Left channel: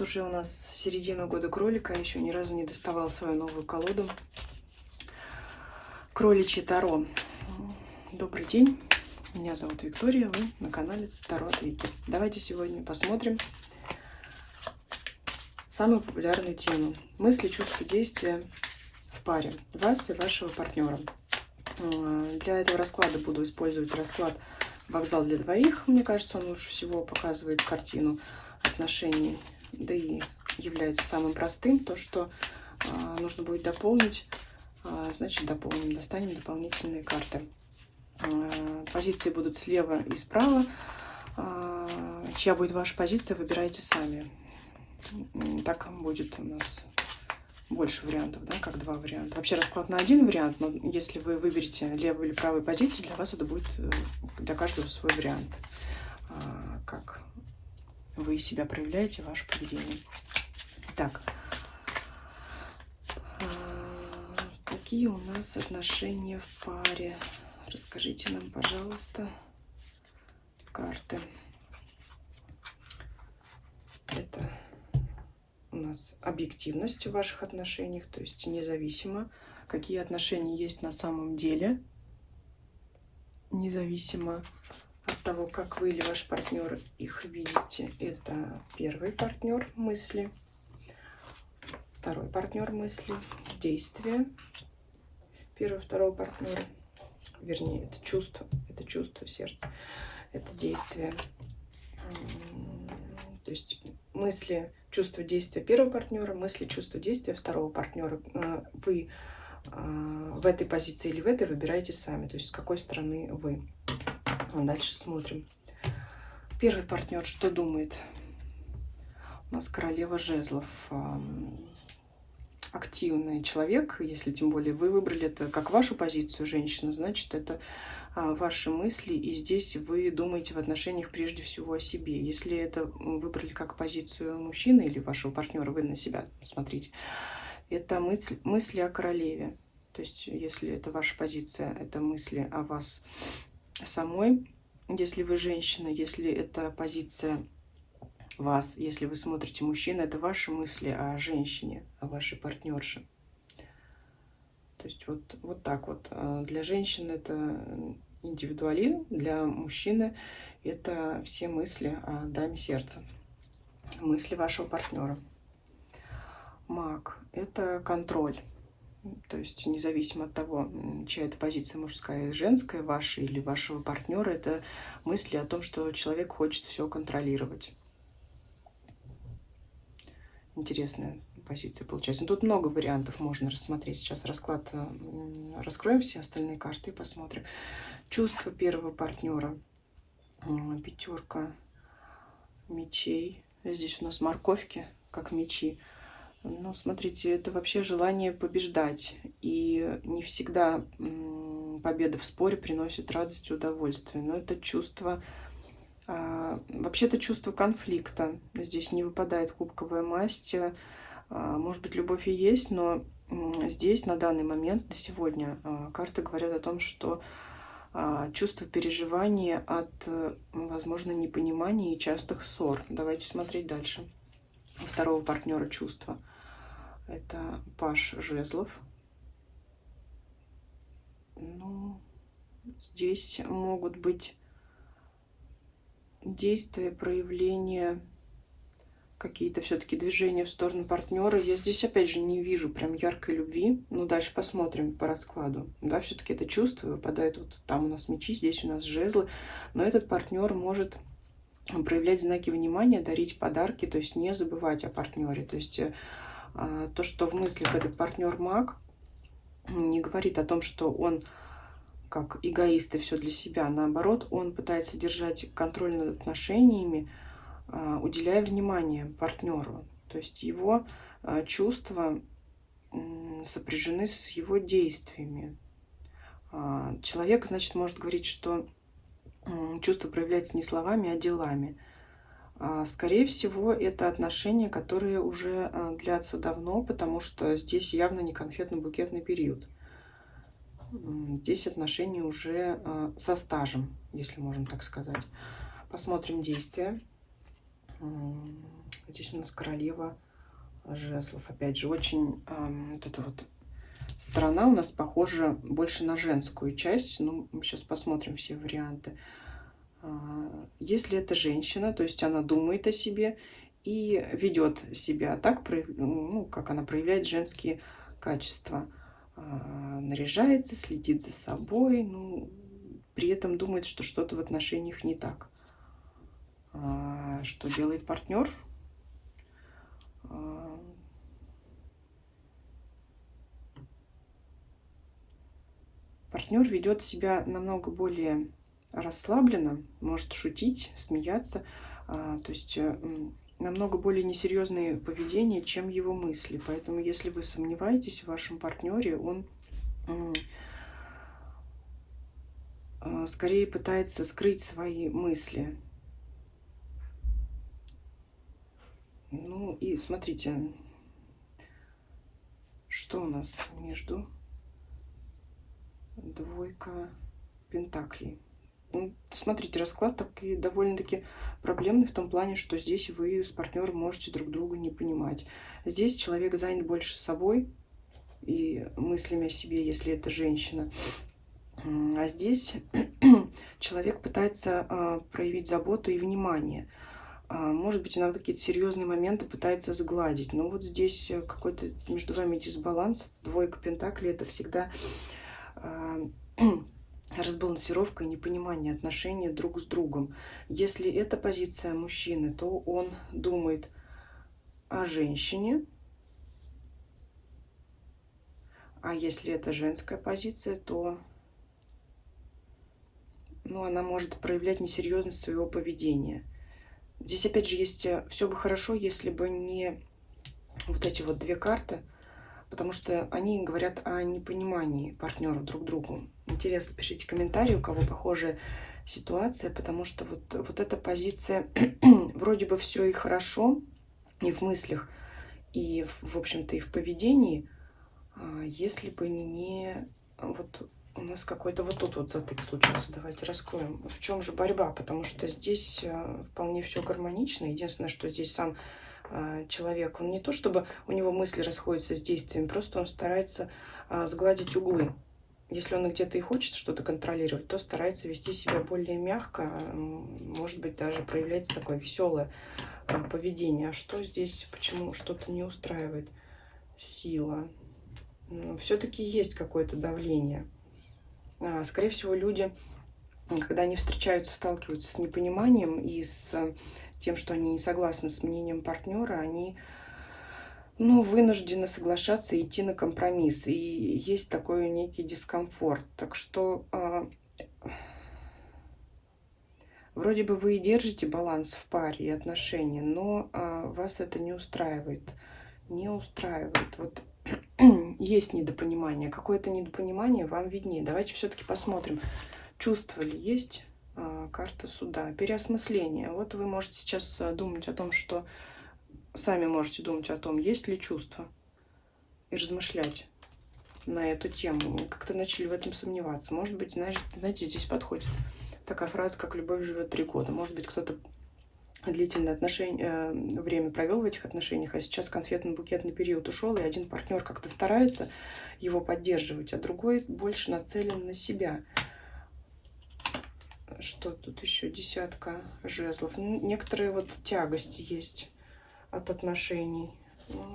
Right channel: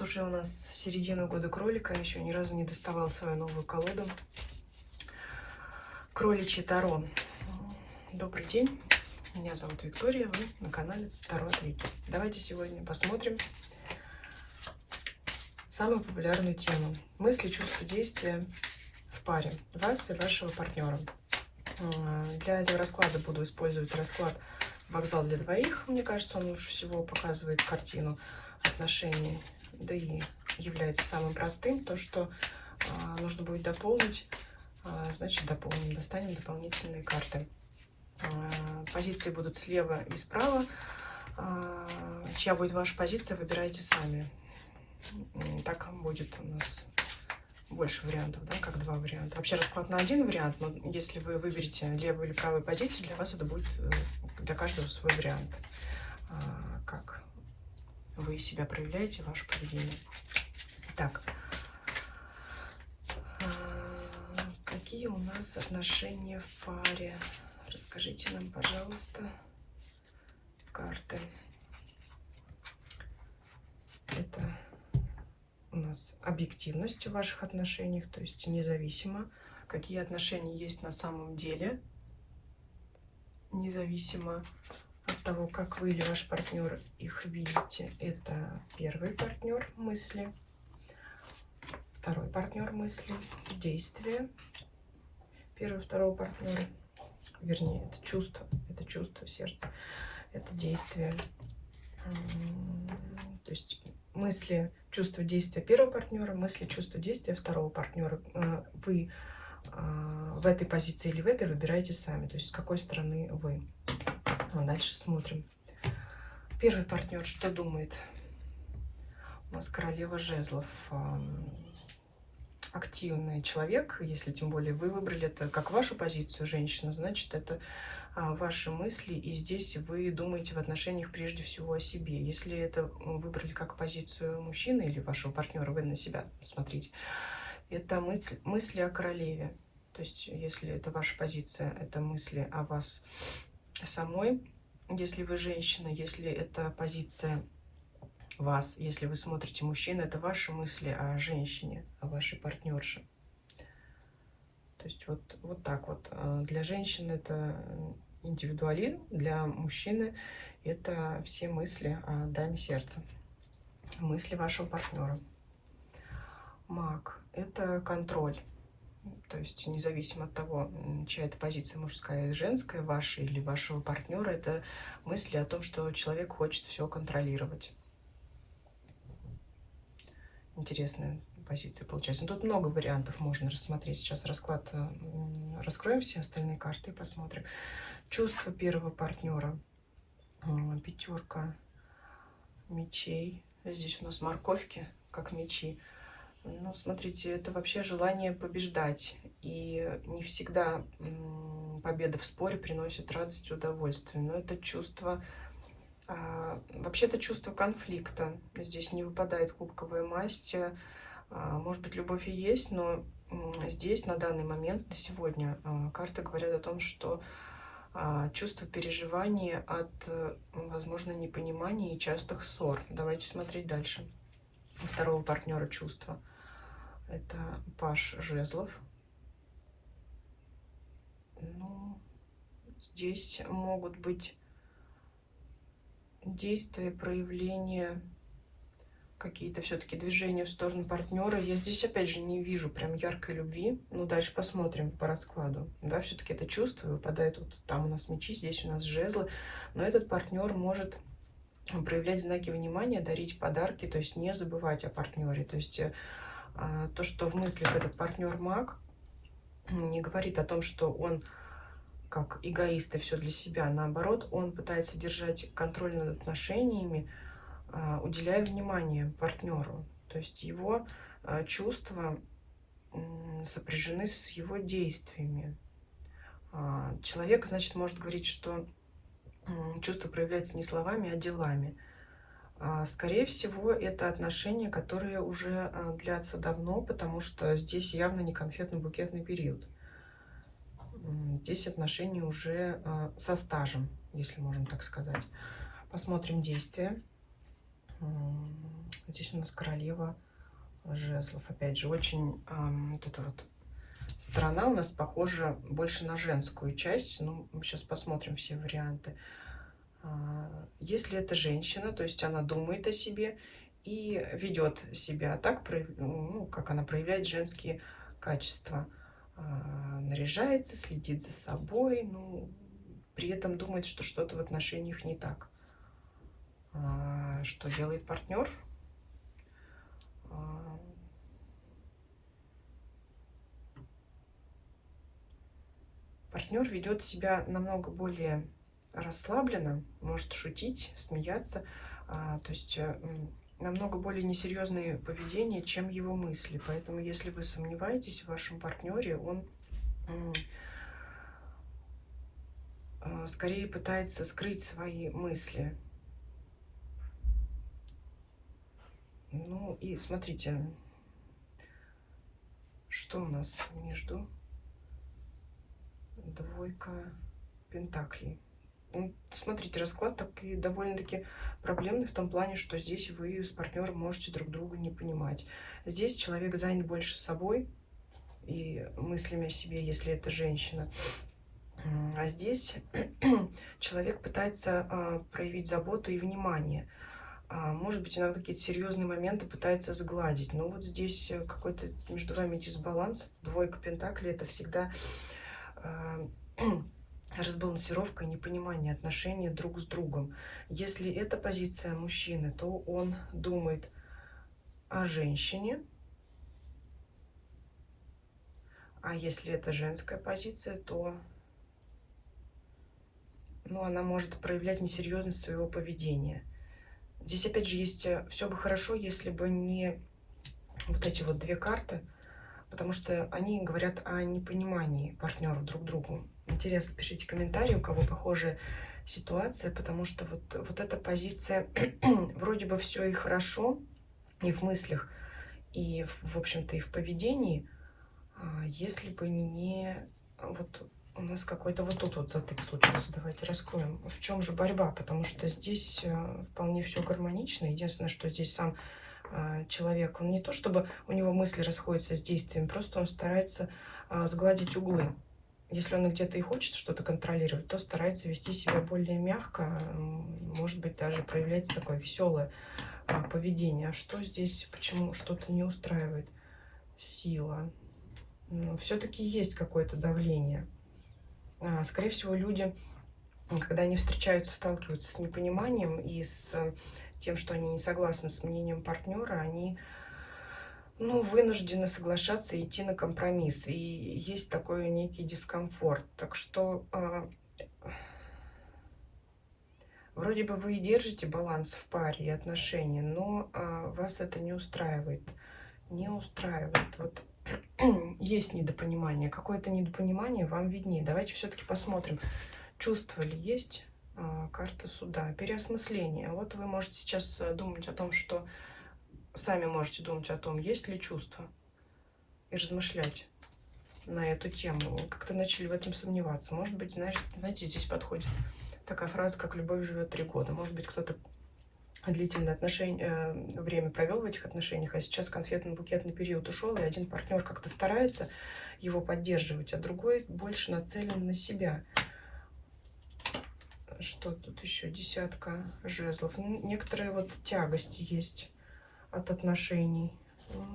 Вот уже у нас середина года кролика, еще ни разу не доставала свою новую колоду. Кроличье Таро. Добрый день, меня зовут Виктория, вы на канале Таро от Вики. Давайте сегодня посмотрим самую популярную тему. Мысли, чувства, действия в паре вас и вашего партнера. Для этого расклада буду использовать расклад «Вокзал для двоих». Мне кажется, он лучше всего показывает картину отношений, да и является самым простым. То, что нужно будет дополнить, значит дополним. Достанем дополнительные карты. Позиции будут слева и справа. Чья будет ваша позиция, выбирайте сами. Так будет у нас больше вариантов, да, как два варианта. Вообще расклад на один вариант, но если вы выберете левую или правую позицию, для вас это будет для каждого свой вариант. Как вы себя проявляете, ваше поведение. Так, какие у нас отношения в паре? Расскажите нам, пожалуйста, карты. Это у нас объективность в ваших отношениях, то есть независимо, какие отношения есть на самом деле, независимо от того, как вы или ваш партнер их видите. Это первый партнер мысли, второй партнер мысли, действие первого, второго партнера, вернее, это чувство сердца, это действие. То есть мысли, чувства, действия первого партнера, мысли, чувства, действия второго партнера. Вы в этой позиции или в этой выбираете сами, то есть с какой стороны вы. Дальше смотрим. Первый партнер что думает? У нас королева жезлов. Активный человек, если тем более вы выбрали это как вашу позицию, женщина, значит, это ваши мысли, и здесь вы думаете в отношениях прежде всего о себе. Если это выбрали как позицию мужчины или вашего партнера, вы на себя смотрите, это мысли о королеве. То есть, если это ваша позиция, это мысли о вас самой, если вы женщина, если это позиция вас, если вы смотрите мужчину, это ваши мысли о женщине, о вашей партнерше. То есть вот так вот. Для женщины это индивидуализм, для мужчины это все мысли о даме сердца, мысли вашего партнера. Маг – это контроль. То есть независимо от того, чья это позиция, мужская и женская, ваша или вашего партнера, это мысли о том, что человек хочет все контролировать. Интересная позиция получается. Тут много вариантов можно рассмотреть. Сейчас расклад раскроем все остальные карты и посмотрим. Чувство первого партнера. Пятерка мечей. Здесь у нас морковки, как мечи. Ну, смотрите, это вообще желание побеждать. И не всегда победа в споре приносит радость и удовольствие. Но это чувство... Вообще-то чувство конфликта. Здесь не выпадает кубковая масть. Может быть, любовь и есть, но здесь на данный момент, на сегодня, карты говорят о том, что чувство переживания от, возможно, непонимания и частых ссор. Давайте смотреть дальше. У второго партнера чувства. Это паж жезлов. Ну, здесь могут быть действия, проявления, какие-то все-таки движения в сторону партнера. Я здесь, опять же, не вижу прям яркой любви. Ну, дальше посмотрим по раскладу. Да, все-таки это чувство выпадает. Вот там у нас мечи, здесь у нас жезлы. Но этот партнер может проявлять знаки внимания, дарить подарки, то есть не забывать о партнере. То есть то, что в мыслях этот партнер маг, не говорит о том, что он как эгоист и все для себя. Наоборот, он пытается держать контроль над отношениями, уделяя внимание партнеру. То есть его чувства сопряжены с его действиями. Человек, значит, может говорить, что чувство проявляется не словами, а делами. Скорее всего, это отношения, которые уже длятся давно, потому что здесь явно не конфетно-букетный период. Здесь отношения уже со стажем, если можно так сказать. Посмотрим действия. Здесь у нас королева жезлов. Опять же, очень вот эта вот сторона у нас похожа больше на женскую часть. Ну, мы сейчас посмотрим все варианты. Если это женщина, то есть она думает о себе и ведет себя так, ну, как она проявляет женские качества. Наряжается, следит за собой, ну, при этом думает, что что-то в отношениях не так. Что делает партнер? Партнер ведет себя намного более расслабленно, может шутить, смеяться, то есть намного более несерьезное поведение, чем его мысли. Поэтому, если вы сомневаетесь в вашем партнере, он скорее пытается скрыть свои мысли. Ну и смотрите, что у нас между двойка пентаклей. Ну, смотрите, расклад такой довольно-таки проблемный в том плане, что здесь вы с партнером можете друг друга не понимать. Здесь человек занят больше собой и мыслями о себе, если это женщина. А здесь человек пытается проявить заботу и внимание. Может быть, иногда какие-то серьезные моменты пытается сгладить. Но вот здесь какой-то между вами дисбаланс. Двойка пентаклей — это всегда разбалансировка и непонимание отношений друг с другом. Если это позиция мужчины, то он думает о женщине. А если это женская позиция, то она может проявлять несерьезность своего поведения. Здесь опять же есть все бы хорошо, если бы не вот эти вот две карты, потому что они говорят о непонимании партнеров друг другу. Интересно, пишите комментарии, у кого похожая ситуация, потому что вот эта позиция вроде бы все и хорошо, и в мыслях, и в общем-то и в поведении, если бы не вот у нас какой-то вот тут вот затык случился. Давайте раскроем. В чем же борьба? Потому что здесь вполне все гармонично. Единственное, что здесь сам человек, он не то чтобы у него мысли расходятся с действиями, просто он старается сгладить углы. Если он где-то и хочет что-то контролировать, то старается вести себя более мягко, может быть, даже проявлять такое веселое поведение. А что здесь, почему что-то не устраивает? Сила. Все-таки есть какое-то давление. Скорее всего, люди, когда они встречаются, сталкиваются с непониманием и с тем, что они не согласны с мнением партнера, они вынуждены соглашаться и идти на компромисс. И есть такой некий дискомфорт. Так что вроде бы вы и держите баланс в паре и отношения, но вас это не устраивает. Не устраивает. Вот есть недопонимание. Какое-то недопонимание вам виднее. Давайте все-таки посмотрим, чувства ли есть. Карта суда. Переосмысление. Вот вы можете сейчас думать о том, что сами можете думать о том, есть ли чувства, и размышлять на эту тему. Как-то начали в этом сомневаться. Может быть, знаете, здесь подходит такая фраза, как «любовь живет 3 года». Может быть, кто-то длительное время провел в этих отношениях, а сейчас конфетно-букетный период ушел, и один партнер как-то старается его поддерживать, а другой больше нацелен на себя. Что тут еще? Десятка жезлов. Некоторые вот тягости есть от отношений.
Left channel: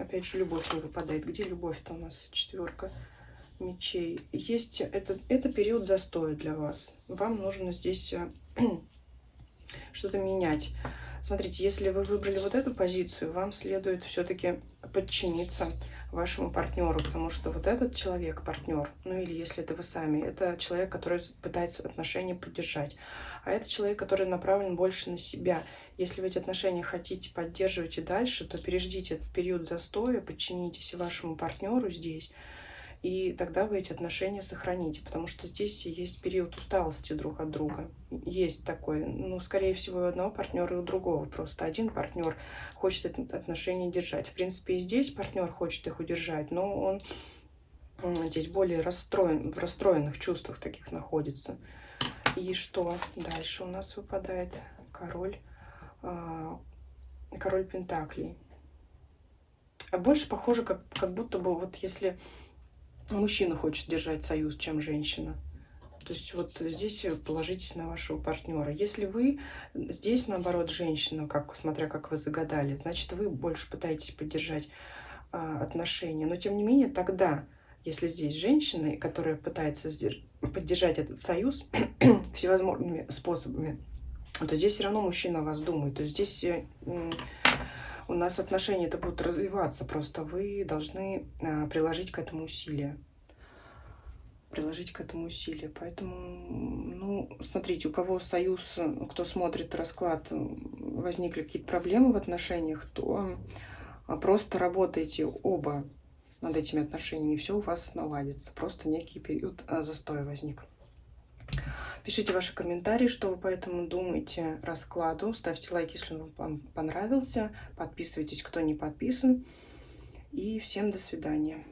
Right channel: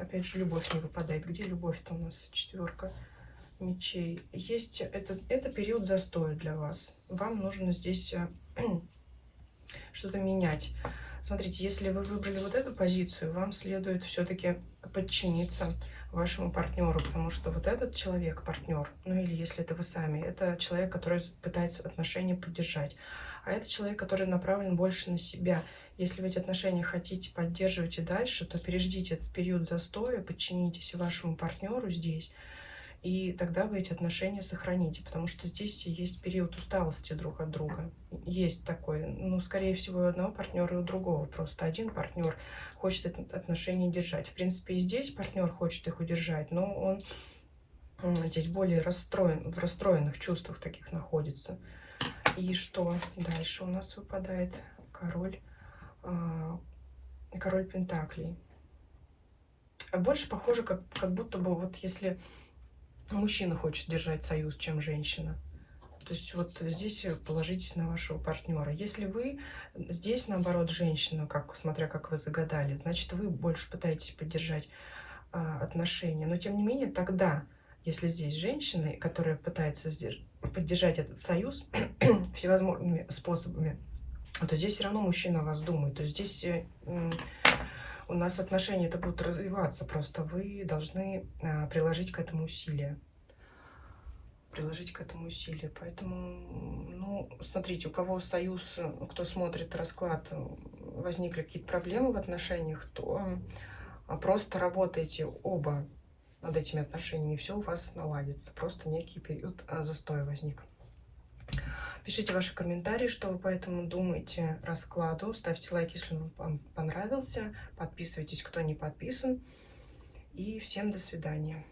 Опять же, любовь не выпадает. Где любовь-то у нас? Четверка мечей. Есть это период застоя для вас. Вам нужно здесь что-то менять. Смотрите, если вы выбрали вот эту позицию, вам следует все-таки подчиниться вашему партнеру, потому что вот этот человек, партнер, или если это вы сами, это человек, который пытается отношения поддержать, а это человек, который направлен больше на себя. Если вы эти отношения хотите поддерживать и дальше, то переждите этот период застоя, подчинитесь вашему партнеру здесь, и тогда вы эти отношения сохраните, потому что здесь есть период усталости друг от друга. Есть такой, скорее всего, и у одного партнера, и у другого. Просто один партнер хочет эти отношения держать. В принципе, и здесь партнер хочет их удержать, но он здесь более расстроен, в расстроенных чувствах таких находится. И что дальше у нас выпадает? Король Король Пентаклей. А больше похоже, как будто бы вот если мужчина хочет держать союз, чем женщина. То есть вот здесь положитесь на вашего партнера. Если вы здесь, наоборот, женщина, смотря как вы загадали, значит, вы больше пытаетесь поддержать отношения. Но тем не менее, тогда, если здесь женщина, которая пытается поддержать этот союз всевозможными способами, то здесь все равно мужчина о вас думает. То есть здесь у нас отношения это будут развиваться, просто вы должны приложить к этому усилия. Поэтому, ну, смотрите, у кого союз, кто смотрит расклад, возникли какие-то проблемы в отношениях, то просто работайте оба над этими отношениями, и все у вас наладится. Просто некий период застоя возник. Пишите ваши комментарии, что вы по этому думаете раскладу. Ставьте лайк, если он вам понравился. Подписывайтесь, кто не подписан. И всем до свидания.